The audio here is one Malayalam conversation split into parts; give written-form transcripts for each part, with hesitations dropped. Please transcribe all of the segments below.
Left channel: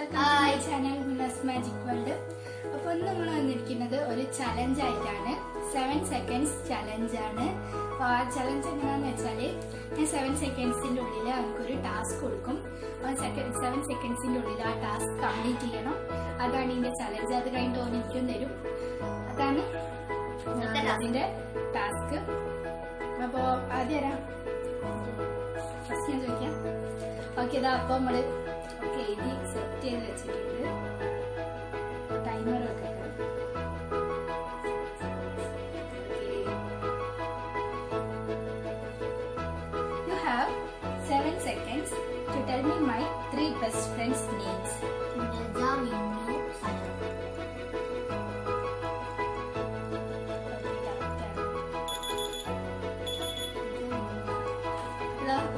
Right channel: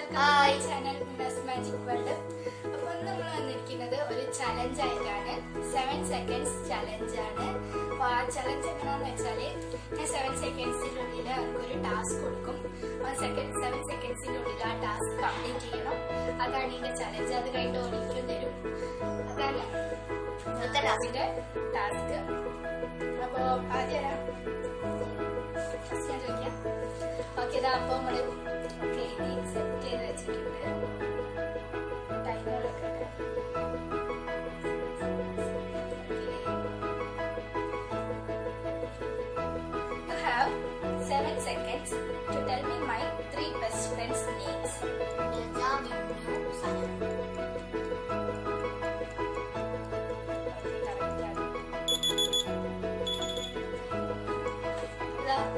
Welcome to my channel Munas magic world. അപ്പോൾ നമ്മൾ വന്നിരിക്കുന്നത് ഒരു ചലഞ്ച് ആയിട്ടാണ്. 7 seconds ചലഞ്ചാണ്. അപ്പോൾ ആ ചലഞ്ച് എങ്ങനെയാണെന്ന് വെച്ചാൽ ഞാൻ 7 secondsന്റെ ഉള്ളിൽ എനിക്കൊരു ടാസ്ക് കൊടുക്കും. 7 secondsന്റെ ഉള്ളിൽ ആ ടാസ്ക് കംപ്ലീറ്റ് ചെയ്യണം. അതാണ് ഇതിന്റെ ചലഞ്ച്. അത് കഴിഞ്ഞിട്ട് ഓനിക്കും തരും. അതാണ് അതിന്റെ ടാസ്ക്. അപ്പോൾ ആദ്യം ഫസ്റ്റ് ഞാൻ ചോദിക്കാം. ഓക്കെ, ഇതാ അപ്പോൾ നമ്മള് എഴുതി സെറ്റ് ചെയ്ത് വെച്ചിട്ടുണ്ട്. ടൈമർ വെക്കട്ടെ. You have 7 seconds to tell me my 3 best friends' names. Neja, Minnu, Sana.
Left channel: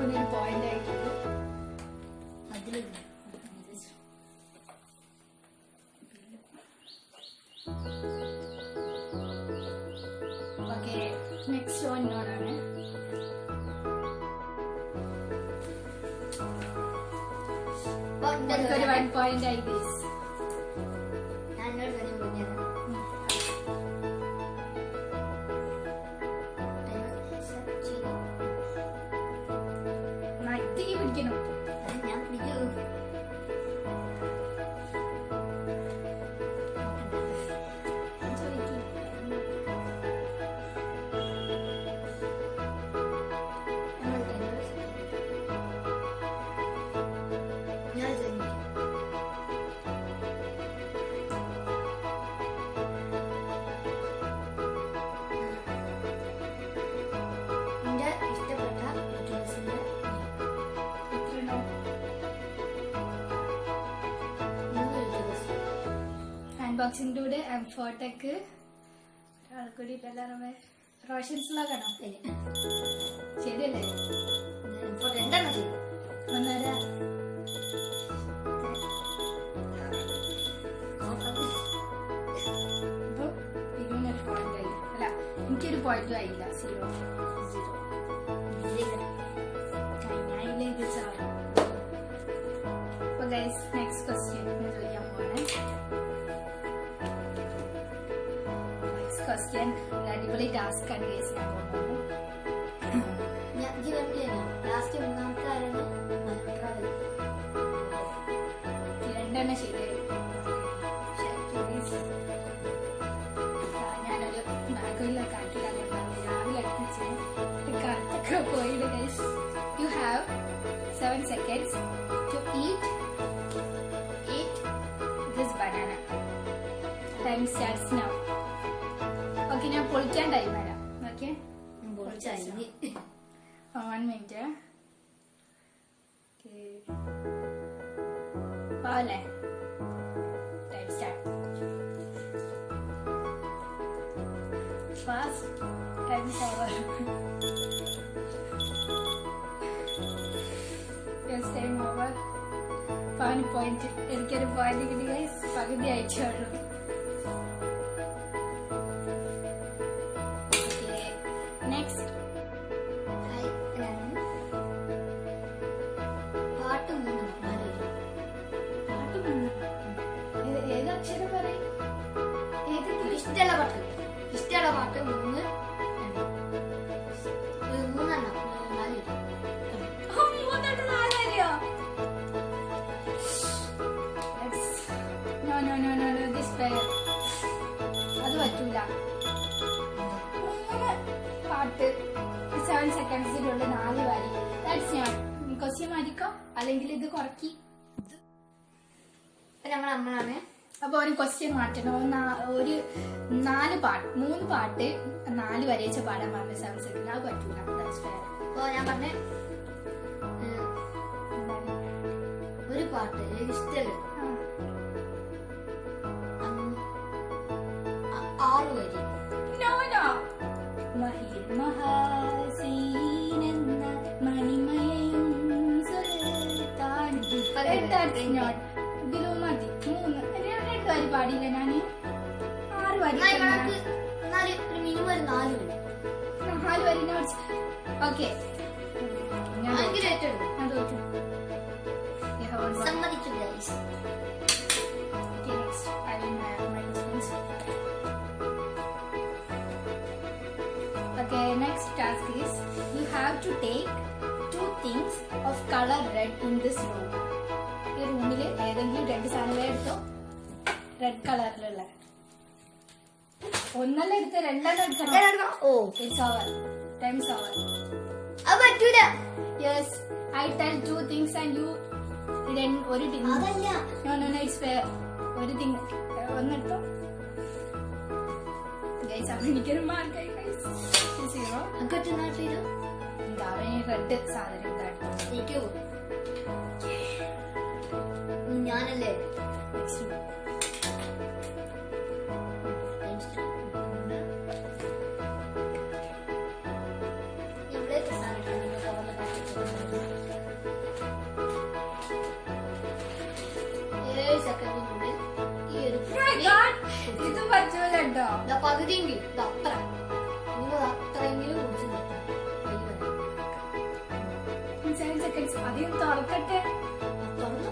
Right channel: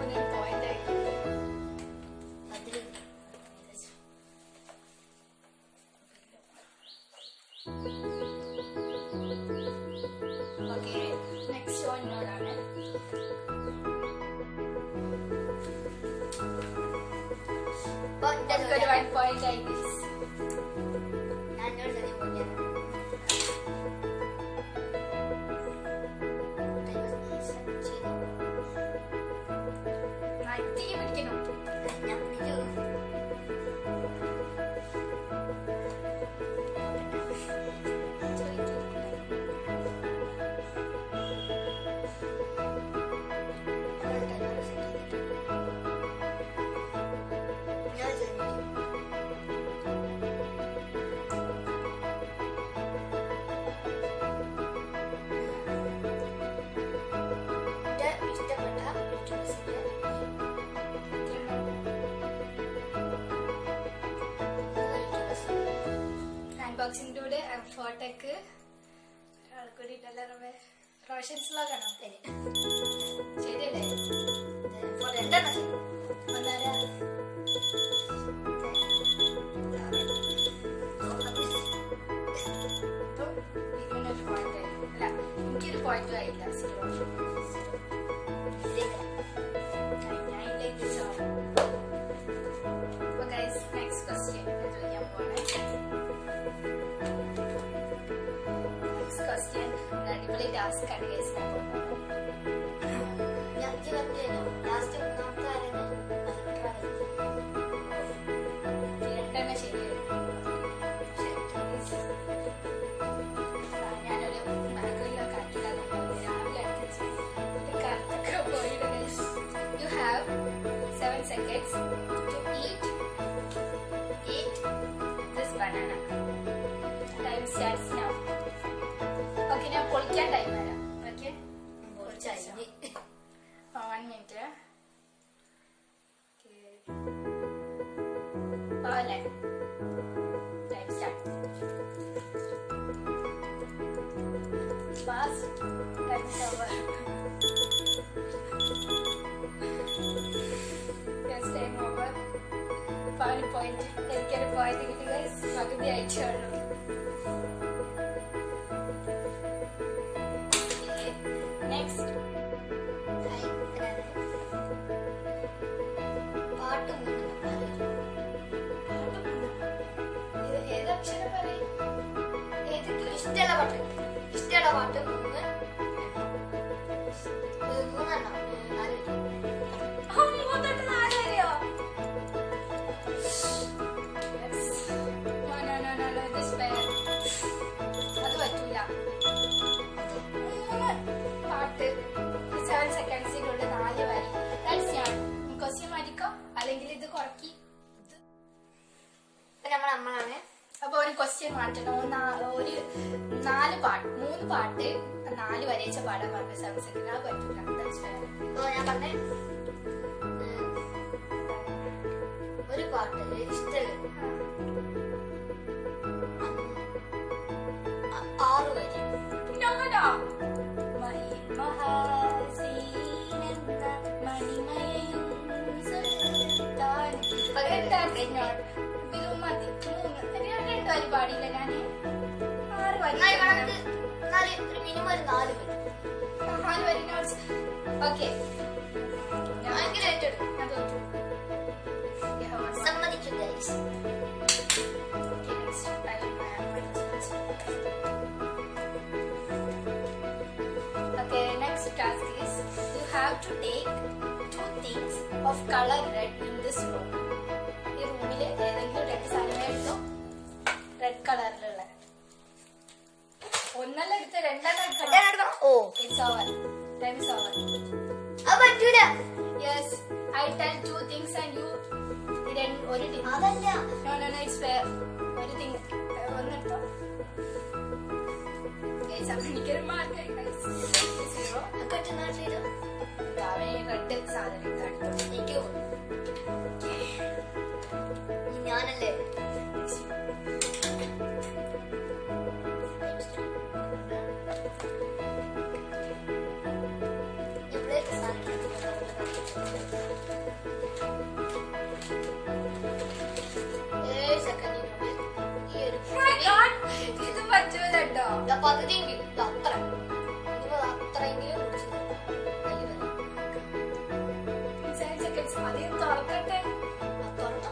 ഒരു പോയിന്റ് ആയിട്ടുള്ളൂ. ഓക്കെ, നെക്സ്റ്റ് ഓനോടാണ്. ഒരു 1 point ആയി ഗൈസ്. നട്ടിക്ക് പിടിക്കണം. അൺബോക്സിംഗിലൂടെ ഫോട്ടോക്ക് ഒരാൾ കൂടി റോഷൻസ് വ്ലോഗാണോ? ശരിയല്ലേ? ഒന്നര അപ്പം പിരിവിനൊരു പോയിന്റ് ആയി. അല്ല, എനിക്കൊരു പോയിന്റും ആയില്ല. 0. ഞാനില്ല ഇത് ചോദിക്കാം. അപ്പൊ ഗൈസ്, നെക്സ്റ്റ് ക്വസ്റ്റ്യൻ ഞാൻ ചോദിക്കാൻ പോവാണ്. ക്വസ്റ്റ്യൻ ഒരു അടിപൊളി ടാസ്ക് ആണ് ഗൈസ്. ഞാൻ പോകുന്നത് രണ്ടെണ്ണം ശരിയായി. ഞാനൊരു ബാഗിലൊക്കെ ആക്കിയിട്ടാണ് കൊണ്ടുവന്നത്. രാവിലെ അടുപ്പിച്ച് കറക്റ്റൊക്കെ പോയിട്ട് guys. You have 7 seconds to eat this banana. Time starts now. Okay, ഞാൻ പൊളിക്കാൻ ടൈം വരാം. Okay, 1 minute. പോലെ time start. Fast time over. Time over. 1 point. എനിക്കൊരു പോയിന്റ് കിട്ടി ഗൈസ്. പകുതി അയച്ചോളൂ. ഏതക്ഷരം പറയും? ഏതെങ്കിലും ഇഷ്ടമുള്ള പാട്ട് 3 അത് പറ്റൂല. 3 പാട്ട് 7 secondsനുള്ള 4 വരി. ക്വസ്റ്റ്യൻ മാറ്റിക്കോ, അല്ലെങ്കിൽ ഇത് കുറക്കി. നമ്മളാണ്. അപ്പൊ ഒരു ക്വസ്റ്റ്യൻ മാറ്റണം. ഒരു 3 പാട്ട് 4 വരയിച്ച പാടാൻ പറഞ്ഞു 7 seconds. അത് പറ്റൂല. ഞാൻ പറഞ്ഞ ഒരു പാട്ട് ഇഷ്ടമുള്ള 6 വരി. മഹാസീനെന്ന മണിമയയും സുൽത്താൻ. ഇതിലും മതി. 3 വരി പാടിയില്ല ഞാന്. 6 വരി. മിനിമം ഒരു 4 വരി. 4 വരി നോട്ട്സ്. ഓക്കെ, ഞാൻ തോറ്റു. സമ്മതിച്ചു. guys. Okay, next. I will my questions. Okay, next task is you have to take 2 things of color red in this room. ഈ റൂമിൽ ഏതെങ്കിലും 2 സാധനങ്ങളെ എടുത്തോ റെഡ് കളറിലുള്ള. ഒന്നല്ല എടുത്ത് രണ്ടെണ്ണം എടുക്കണം. Oh it's over. Time is over. അത് പറ്റൂല. Yes, I tell 2 things and you ഒരു thing. അതല്ല. No, it's fair. ഒരു thing ഒന്നെടുത്തോ. Guys, അപ്പോൾ എനിക്കൊരു മാർക്കായി guys. 0. അങ്ങോട്ട് നാട്ടിലോ എന്താ അവന് റെഡ് സാധനം എടുത്തോട്ടെ. എനിക്ക് ഞാനല്ലേ സെക്കൻഡിനുള്ളിൽ ഈ ഒരു ഇത് പറ്റൂലോ. പകുതിയെങ്കിലും അത്ര നിങ്ങൾ അത്രയെങ്കിലും കുടിച്ചു കൈ വരാം 7 seconds. ആദ്യം തുറക്കട്ടെ. തുറന്നു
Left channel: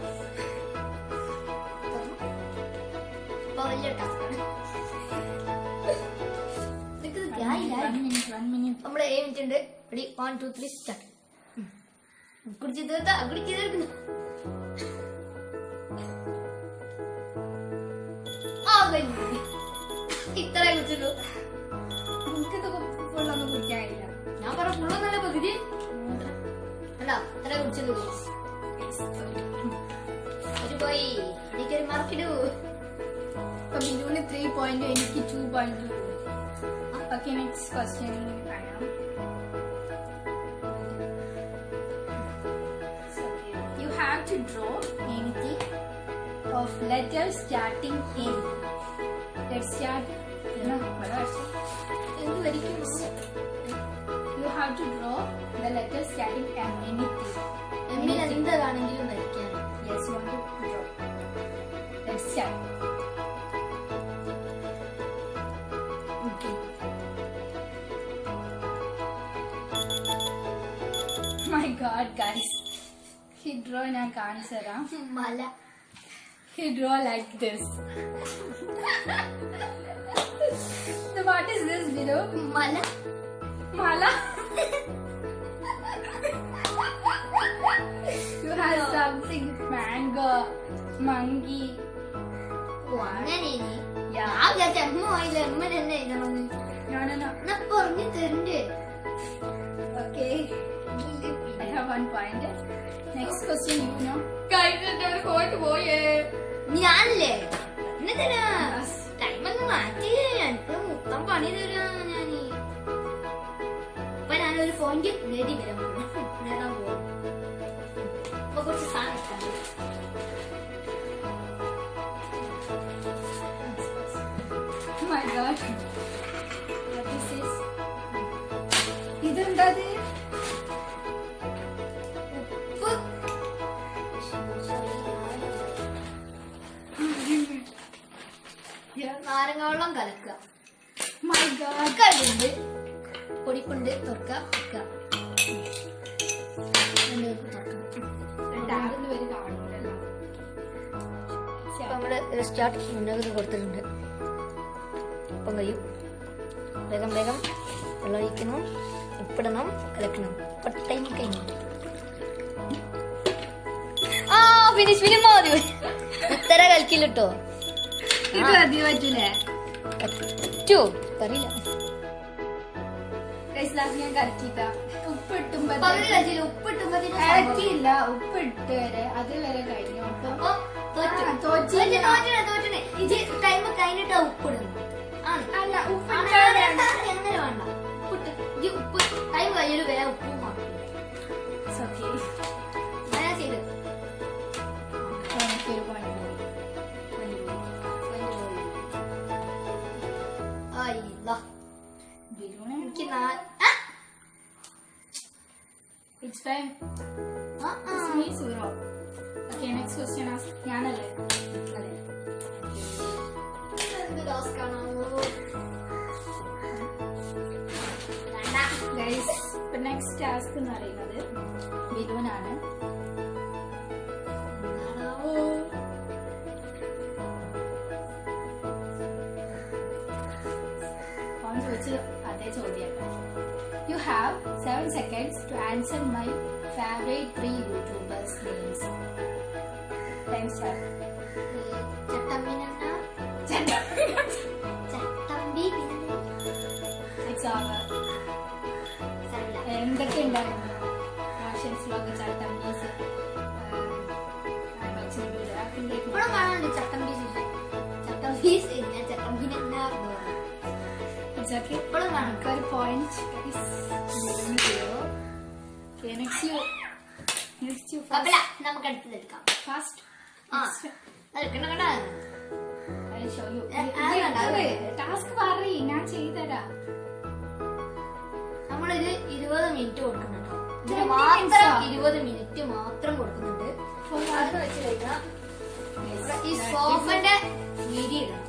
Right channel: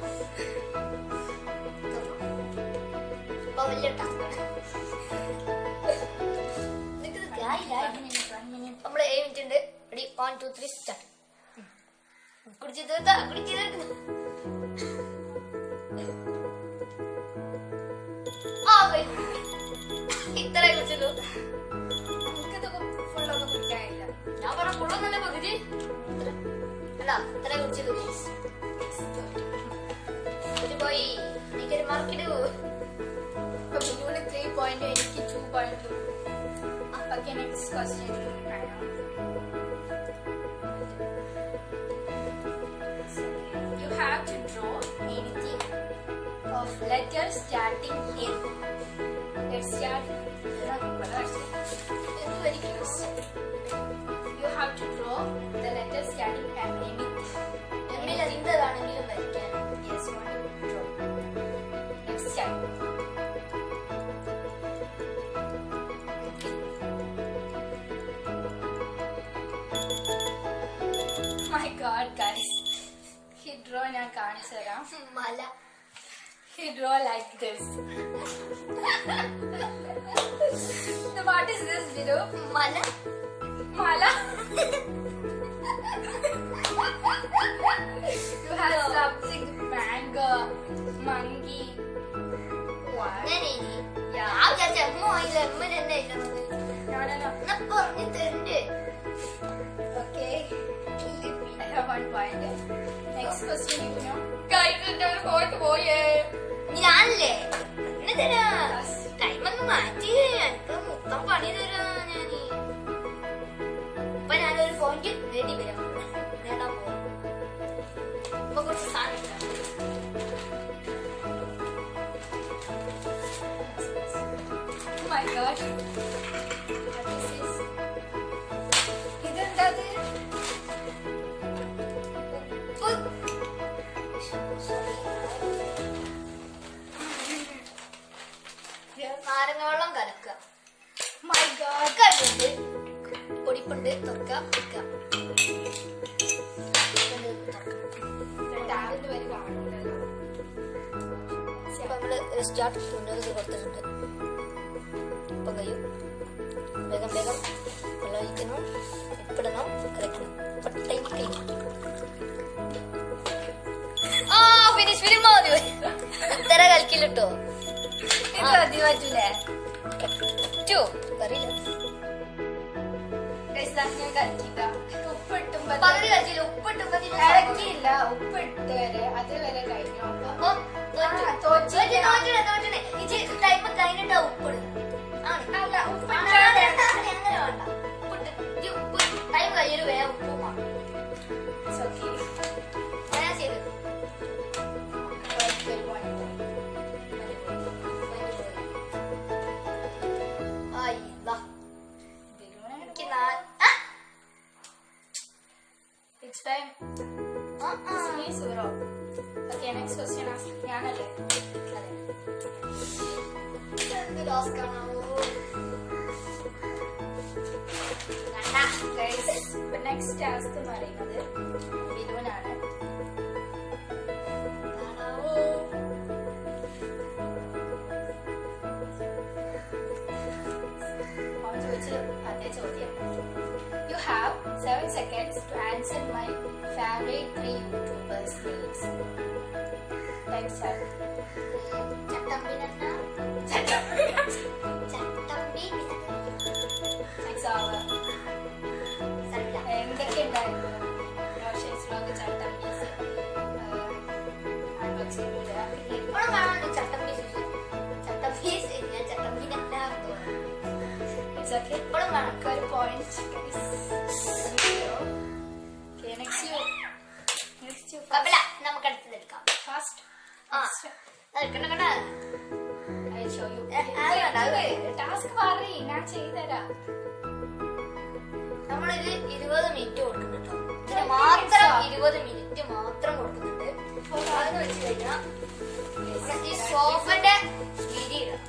ഇപ്പൊ വലിയ ടാസ്കാണ്. 1 minute. നമ്മള് 7 മിനിറ്റ് ഉണ്ട്. 1 2 3 സ്റ്റാർട്ട്. കുടിച്ചു തീർത്താ കുടിച്ചു തീർക്കുന്നു. ഇത്ര കുടിച്ചല്ലോ. എനിക്കിത് ഫുള്ളൊന്നും കുടിക്കാനില്ല. ഞാൻ പറഞ്ഞ ഫുള്ളൊന്നല്ല പകുതി അല്ല ഇത്ര കുടിച്ചല്ലോ. ഒരു പോയി എനിക്കൊരു മാർക്കിടൂ. ഇപ്പൊ ബില്ലുവിന് 3 point, എനിക്ക് 2.2. Okay, next question. You have to draw anything of letters starting M. Let's start. എന്ത് വരിക്കുന്നു? You have to draw the letters starting M. Anything. എന്നിൽ എന്താണെങ്കിലും വരയ്ക്കാൻ. Yes, you want to draw. Let's start. Okay. My God, guys. He draw in our cancer. മല. He draw like this. So what is this, Vidu? മല. Mala? You have something mango, monkey. അങ്ങനെ Yeah. ഞാൻ വിചാരിച്ച എമ്മ ആയില്ല. എമ്മ തന്നെ എഴുതണമെന്ന്. No. എന്നാ പറഞ്ഞു തരണ്ടേ. Okay. I have 1 point. Next question, you know. ഞാനല്ലേ എന്നെ തരാ. Yes. ടൈം ഒന്ന് മാറ്റി എനിക്ക് മൊത്തം പണി തരാ. ഞാന് ഇപ്പൊ ഞാനൊരു ഫോണിൽ നേടി നേടാൻ പോകും. ഇപ്പൊ കുറച്ച് സാധനം Oh my God. What is this? ഇതെന്താത്? ഉപ്പ്. നാരങ്ങ വെള്ളം കലക്കുക. My God. കല്ലുണ്ട് പൊടിപ്പുണ്ട് തുറക്കുക വെക്കുക. ടാബിൽ വരെ കാണൂലല്ലോ. ഇപ്പൊ നമ്മള് സ്റ്റാർട്ട് മുന്നോട്ട് കൊടുത്തിട്ടുണ്ട്. ഇപ്പം കഴിയും. വേഗം വേഗം വെള്ളം ഒഴിക്കണം, ഉപ്പിടണം, കലക്കണം. ഇപ്പൊ ടൈം കഴിഞ്ഞു. ആ ഫിനിഷ് ഫിലിം മതി. ഇത്ര കലക്കില്ലോ. ഇത് മതി പറ്റൂലേ? പറ്റോ അറിയില്ല. Guys, ഞാൻ കലക്കിട്ടാ. ഉപ്പിട്ടുമ്പോ ഉപ്പിട്ടുമ്പോ ഉപ്പിട്ട് വരെ അത് വരെ കഴിഞ്ഞു. അപ്പൊ ഇത് ടൈം കഴിഞ്ഞിട്ടാ ഉപ്പിടുന്നു. അല്ല, അങ്ങനെ വേണ്ട. ഉപ്പിട്ട് ഉപ്പ് ടൈം കഴിയല് വേറെ ഉപ്പും അങ്ങനെ ചെയ്ത് എനിക്കൊരു പോയിന്റ് പോയി. എനിക്ക് It's fine. It's me, Suro. Okay, next question ask. ഞാനല്ലേ? Guys, ഇപ്പൊ നെക്സ്റ്റ് ടാസ്ക് എന്ന് പറയുന്നത് ബിലുവിനാണ്. അവൻ ചോദിച്ചു അതേ ചോദ്യം. You have 7 seconds to answer my favorite 3 YouTubers names. Time start. Chattampi It's over. എന്തൊക്കെ ഉണ്ടായിരുന്നു? Roshan's vlog, Chattambees, unboxing video It's okay. ഒരു point. Okay, next you first. നമുക്ക് അടുത്തെടുക്കാം. Fast. I'll show you. Task പറയ്, ഞാൻ ചെയ്തരാ. നമ്മളൊരു 20 മിനിറ്റ് കൊടുക്കുന്നുണ്ട്. ഇതിന് മാത്രം 20 മിനിറ്റ് മാത്രം കൊടുക്കുന്നുണ്ട്. അത് വെച്ച് കഴിഞ്ഞാൽ ഈ സോഫന്റെ വീതി ഇടണം.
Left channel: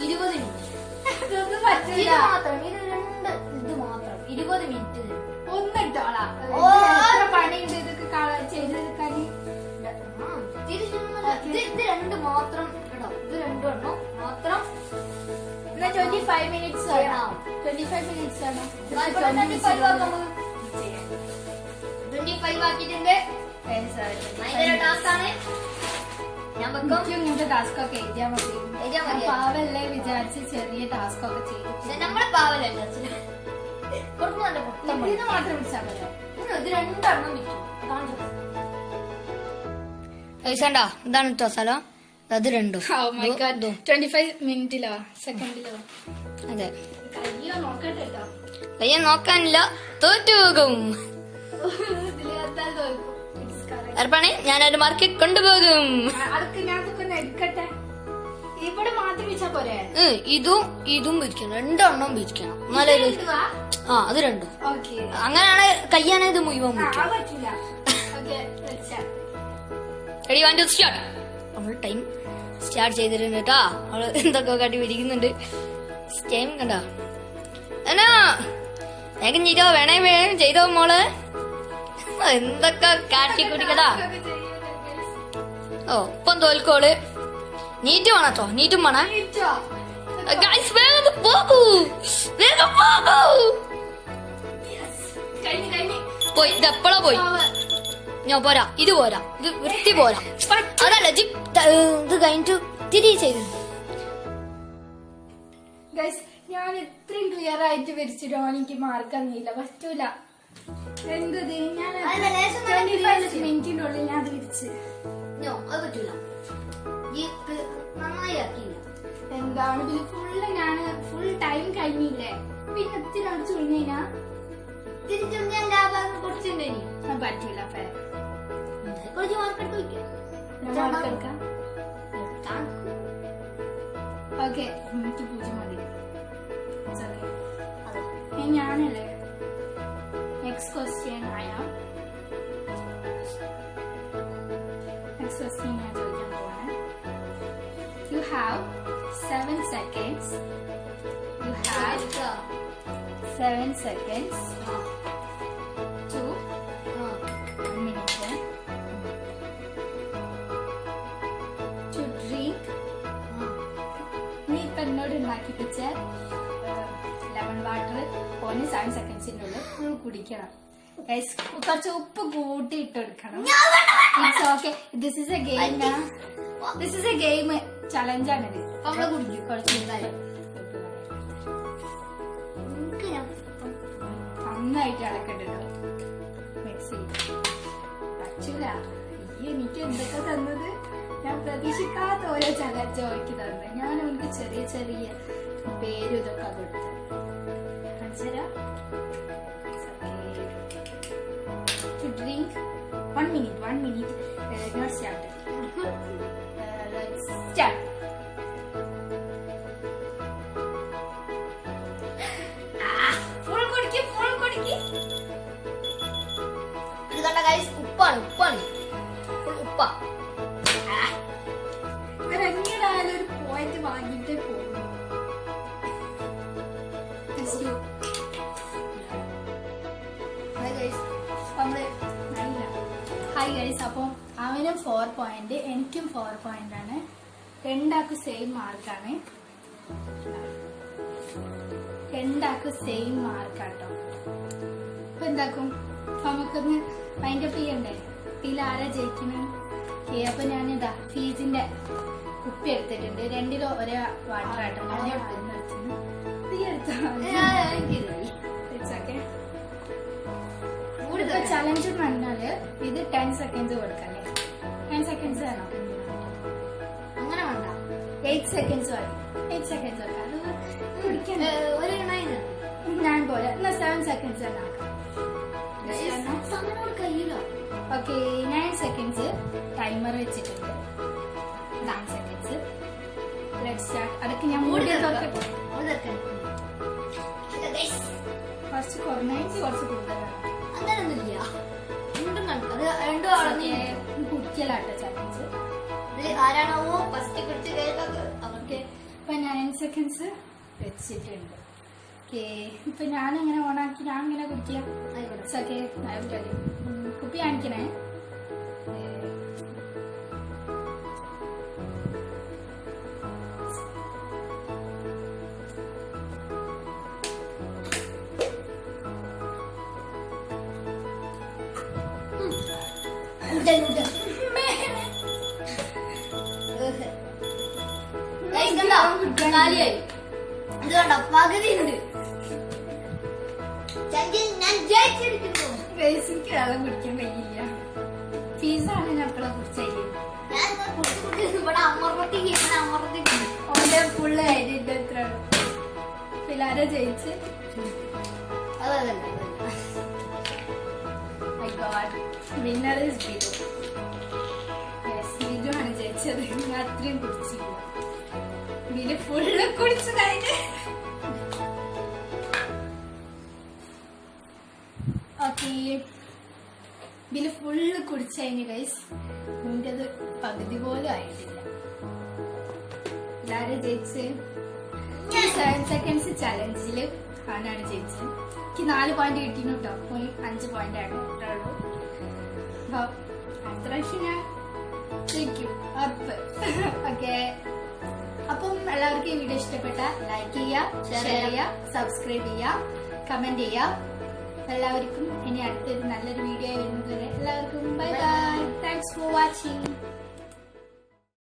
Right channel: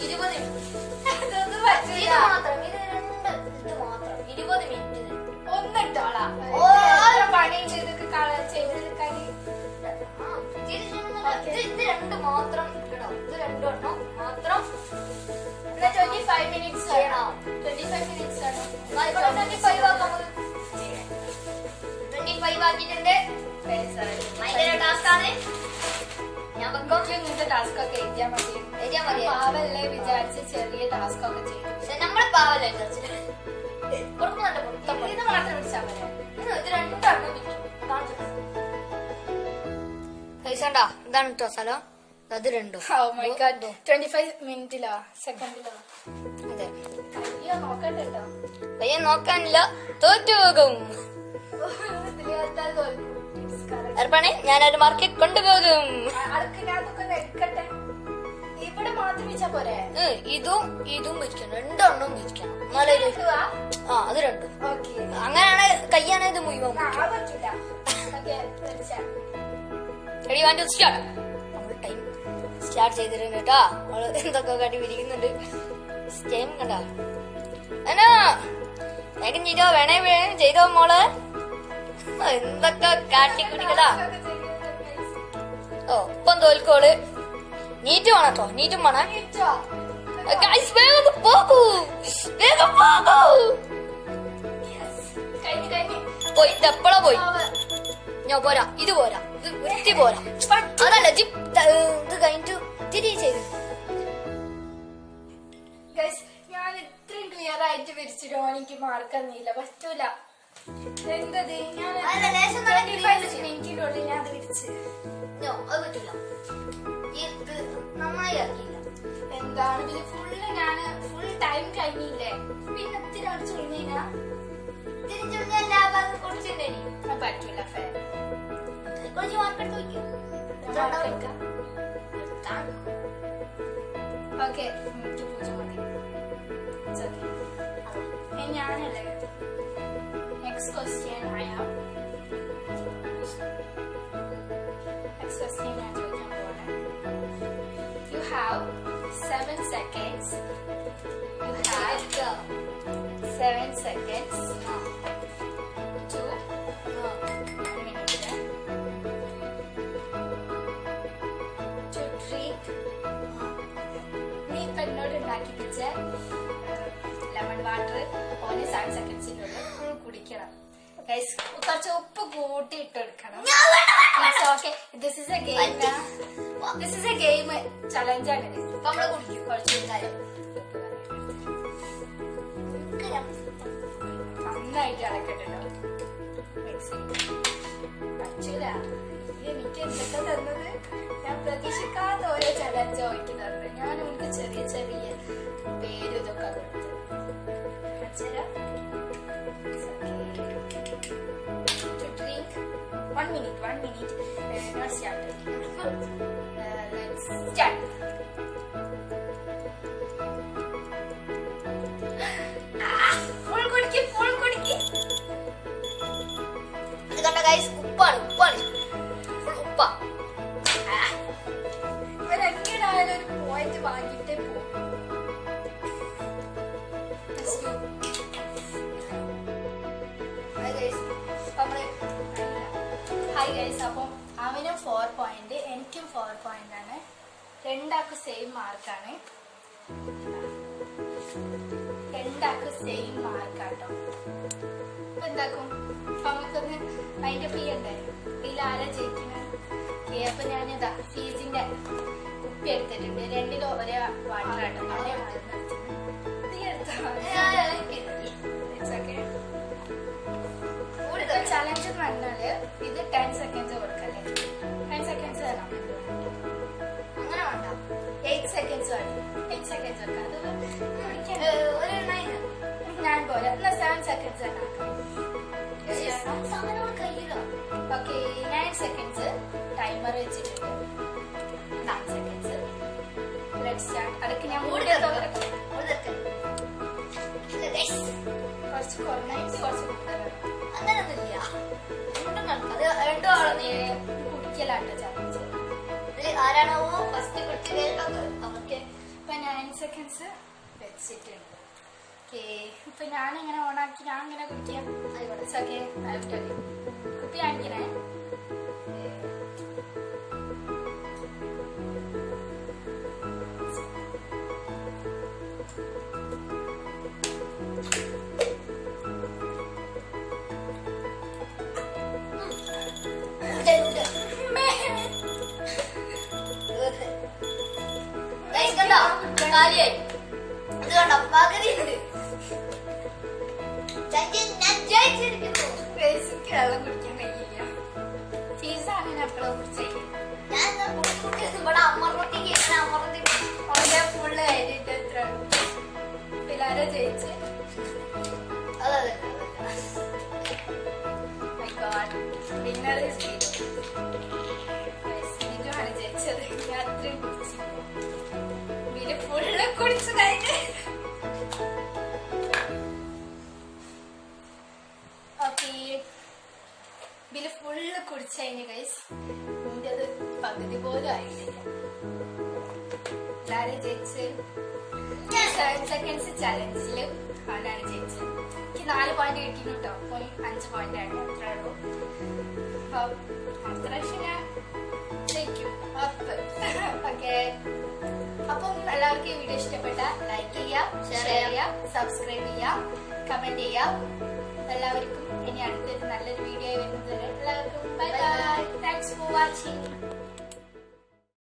20 മിനിറ്റ്. അതൊന്നും പറ്റില്ല. ഇത് മാത്രം 20 മിനിറ്റ് ഒന്നിട്ടോളാം. പണിയുണ്ട് ഇതൊക്കെ ചെയ്തെടുക്കാൻ. ഇത് രണ്ട് മാത്രം ഇടോ. ഇത് രണ്ടും എണ്ണം മാത്രം 25 minutes ആണോ? 25 minutes ആണോ? 25 ആക്കിയിട്ടുണ്ട്. ടാസ്ക് ആണ്. ഞാൻ ഇങ്ങനത്തെ ടാസ്ക് ഒക്കെ എഴുതിയാൽ മതി. പാവല്ലേ വിചാരിച്ച് ചെറിയ ടാസ്ക് ഒക്കെ ചെയ്തു. നമ്മള് പാവല്ലേ ഇത് മാത്രം പിടിച്ചാൽ മതി. ഇത് രണ്ടെണ്ണം വിൽക്കും. ഇതാണ് കേട്ടോ സ്ഥലം. അത് രണ്ടും 25 മിനിറ്റിലോ സെക്കൻഡിലോ? അതെ. കയ്യോ നോക്കട്ടെ കേട്ടോ. കയ്യ നോക്കാനില്ല, തോറ്റുപോകും. അർപ്പണേ ഞാനൊരു മാർക്കറ്റ് കൊണ്ടുപോകും. എടുക്കട്ടെ. ഇവിടെ മാത്രം വെച്ചാ പോരെ? ഇതും വിരിക്കണം, രണ്ടെണ്ണം വിരിക്കണം. എന്നാലൊരു അത് രണ്ടും അങ്ങനെയാണ്. കയ്യാണ് ഇത് മുഴുവൻ പറ്റില്ല. Ready 1 2 start. നമ്മൾ ടൈം സ്റ്റാർട്ട് ചെയ്തിട്ടുണ്ട് കേട്ടാ. അവള് എന്തൊക്കെ കാട്ടി പിടിക്കുന്നുണ്ട്. ടൈം കണ്ടോ? എന്നാ വേഗം ചെയ്തോ, വേണേ വേഗം ചെയ്തോ മോള്. എന്തൊക്കെ കാട്ടി കുടിക്കടാ. ഓ ഇപ്പം തോൽക്കോള്. നീറ്റ് വേണം കേട്ടോ, നീറ്റും വേണം. ഗൈസ് വേഗം പോകൂ, വേഗം പോകൂ. പോയി, ഇത് എപ്പോഴാ പോയി? ഞാൻ പോരാ, ഇത് പോരാ, ഇത് വൃത്തി പോരാ. അതല്ല ഇത് കഴിഞ്ഞിട്ട് തിരികെ ചെയ്തു. ഞാൻ ഇത്രയും ക്ലിയർ ആയിട്ട് വരച്ചിട്ടോ എനിക്ക് മാർക്ക് തന്നില്ല. പറ്റൂല. എന്തത്? ഞാൻ 25 മിനിറ്റിനുള്ളിൽ ഞാൻ അത് വിരിച്ച്. അത് പറ്റൂല. നന്നായി ആക്കിയില്ല. എന്താണ് പിന്നെ ഫുള്ള് ഞാന് ഫുൾ ടൈം കഴിഞ്ഞില്ലേ? പിന്നെ ഇത്തിരി അടിച്ചു കഴിഞ്ഞാ കുറച്ചുണ്ടേനി. പറ്റൂല. ഫെയർ. കുറച്ച് മാർക്കെടുത്ത് വയ്ക്കാം. മാർക്ക് എടുക്കാം. ഓക്കെ, എനിക്ക് 0 മതി. ഞാനല്ലേ. നെക്സ്റ്റ് ക്വസ്റ്റ്യൻ ഞാൻ ചോദിക്കാൻ പോവാണ്. You have 7 seconds. You have 7 seconds to 1 minute to drink. നീ ഇപ്പൊ എന്നോട് ഉണ്ടാക്കിപ്പിച്ച ലെമൺ വാട്ടർ ഓന് 7 സെക്കൻഡ്സിനുള്ളിൽ ഫുൾ കുടിക്കണം. കുറച്ച് ഉപ്പ് കൂട്ടി ഇട്ടെടുക്കണം. It's okay. This is a game. This is a game ചലഞ്ചാണിത്. കുറച്ച് നന്നായിട്ട് ഇളക്കണ്ടോ. മിക്സ് പറ്റൂല. എനിക്ക് എന്തൊക്കെ തന്നത്? ഞാൻ പ്രതീക്ഷിക്കാത്ത ഓരോ ചലഞ്ച് ഓയ്ക്ക് തന്നത്. ഞാൻ അവർക്ക് ചെറിയ ചെറിയ പേരും ഇതൊക്കെ കൊടുത്ത്. To drink 1 minute. Not started. Let's start. Full കുടിക്ക്. ഇത് കണ്ട ഗൈസ്, ഉപ്പാണ്. ഉപ്പ ഇവരെങ്ങനായാലും ഒരു പോയിന്റ് വാങ്ങിട്ടേ പോകും. Hi guys. അപ്പം അവനും 4 പോയിന്റ്, എനിക്കും 4 പോയിന്റ് ആണ്. രണ്ടാൾക്കും സെയിം മാർക്കാണ്. രണ്ടാക്കും സെയിം മാർക്കാട്ടോ. അപ്പൊ എന്താക്കും നമുക്കൊന്ന് മൈൻഡ് അപ്പ് ചെയ്യണ്ടേ? ഇതിൽ ആരാ ജയിക്കണേ? അപ്പൊ ഞാനിതാ ഫീസിന്റെ കുപ്പി എടുത്തിട്ടുണ്ട്. 2 കിലോ ഒരേ വാട്ടർ ആട്ടോ. ഇപ്പൊ ചലഞ്ച് എന്ന് പറഞ്ഞാല് ഇത് 10 സെക്കൻഡ്സ് കൊടുക്കല്ലേ? 10 സെക്കൻഡ്സ് വേണം. അങ്ങനെ വേണ്ട, 8 സെക്കൻഡ്സ് മതി. 8 സെക്കൻഡ്സ് വെക്കാം. അത് കുടിക്കാൻ ഒരു 9 ഞാൻ പോലെ എന്നാ 7 സെക്കൻഡ്സ് തന്നെ ആക്കാം. കയ്യിലോ? ഓക്കെ, 9 സെക്കൻഡ്സ് ടൈമർ വെച്ചിട്ടുണ്ട്. 9 സെക്കൻഡ്സ്. Let's start. അതൊക്കെ ഞാൻ മൂടി നോക്കട്ടെ. കുറച്ച് കുറഞ്ഞായിട്ട് കുറച്ച് കൂടുതലാണ്. അങ്ങനൊന്നുമില്ല, കുടിക്കലാട്ടോ ചലഞ്ച്. ആരാണോ ഫസ്റ്റ് കുടിച്ച് അവർക്ക് ഇപ്പൊ 9 സെക്കൻഡ്സ് വെച്ചിട്ടുണ്ട്. ഓക്കെ, ഇപ്പൊ ഞാനെങ്ങനെ ഓണാക്കി ഞാൻ ഇങ്ങനെ കുടിക്കാം. ഓക്കെ, കുപ്പി കാണിക്കണേ. പകുതി ഉണ്ട്. ഞാൻ ജയിച്ചിരിക്കുന്നു. എനിക്ക് വെള്ളം കുടിക്കാൻ കഴിയില്ല. ഫീസാണ് ഞാൻ എപ്പോഴും കുടിച്ചില്ലേ. ഞാൻ ഇവിടെ അമർത്തി ഓന്റെ ഫുള്ള് കഴിഞ്ഞിട്ട് എത്ര പിള്ളേരെ ജയിച്ച്. My God, winner is Biju. Biju ആണ് ജയിച്ചത്. ഞാൻ അത്രയും കുടിച്ചില്ല. ബിജു ഫുള്ള് കുടിച്ചു കഴിഞ്ഞ്. ഓക്കെ, ബില് ഫുള്ള് കുടിച്ചു കഴിഞ്ഞ് ഗൈസ്. നിന്റേത് പകുതി പോലും ആയിട്ടില്ല. എല്ലാരും ജയിച്ച് 7 സെക്കൻഡ്സ് ചലഞ്ചില് അവനാണ് ജയിച്ചത്. എനിക്ക് 4 പോയിന്റ് കിട്ടിയിരുന്നു കേട്ടോ. 5 പോയിന്റ് ആണ്, അത്രേ ഉള്ളൂ. അപ്പൊ അടുത്ത പ്രാവശ്യം ഞാൻ ജയിക്കും. ഓക്കെ, അപ്പം എല്ലാവർക്കും ഈ വീഡിയോ ഇഷ്ടപ്പെട്ട ലൈക്ക് ചെയ്യുക, ഷെയർ ചെയ്യുക, സബ്സ്ക്രൈബ് ചെയ്യുക, കമന്റ് ചെയ്യുക. എല്ലാവർക്കും ഇനി അടുത്തൊരു നല്ലൊരു വീഡിയോ വരുന്നത് വരെ എല്ലാവർക്കും bye bye. Thanks for watching.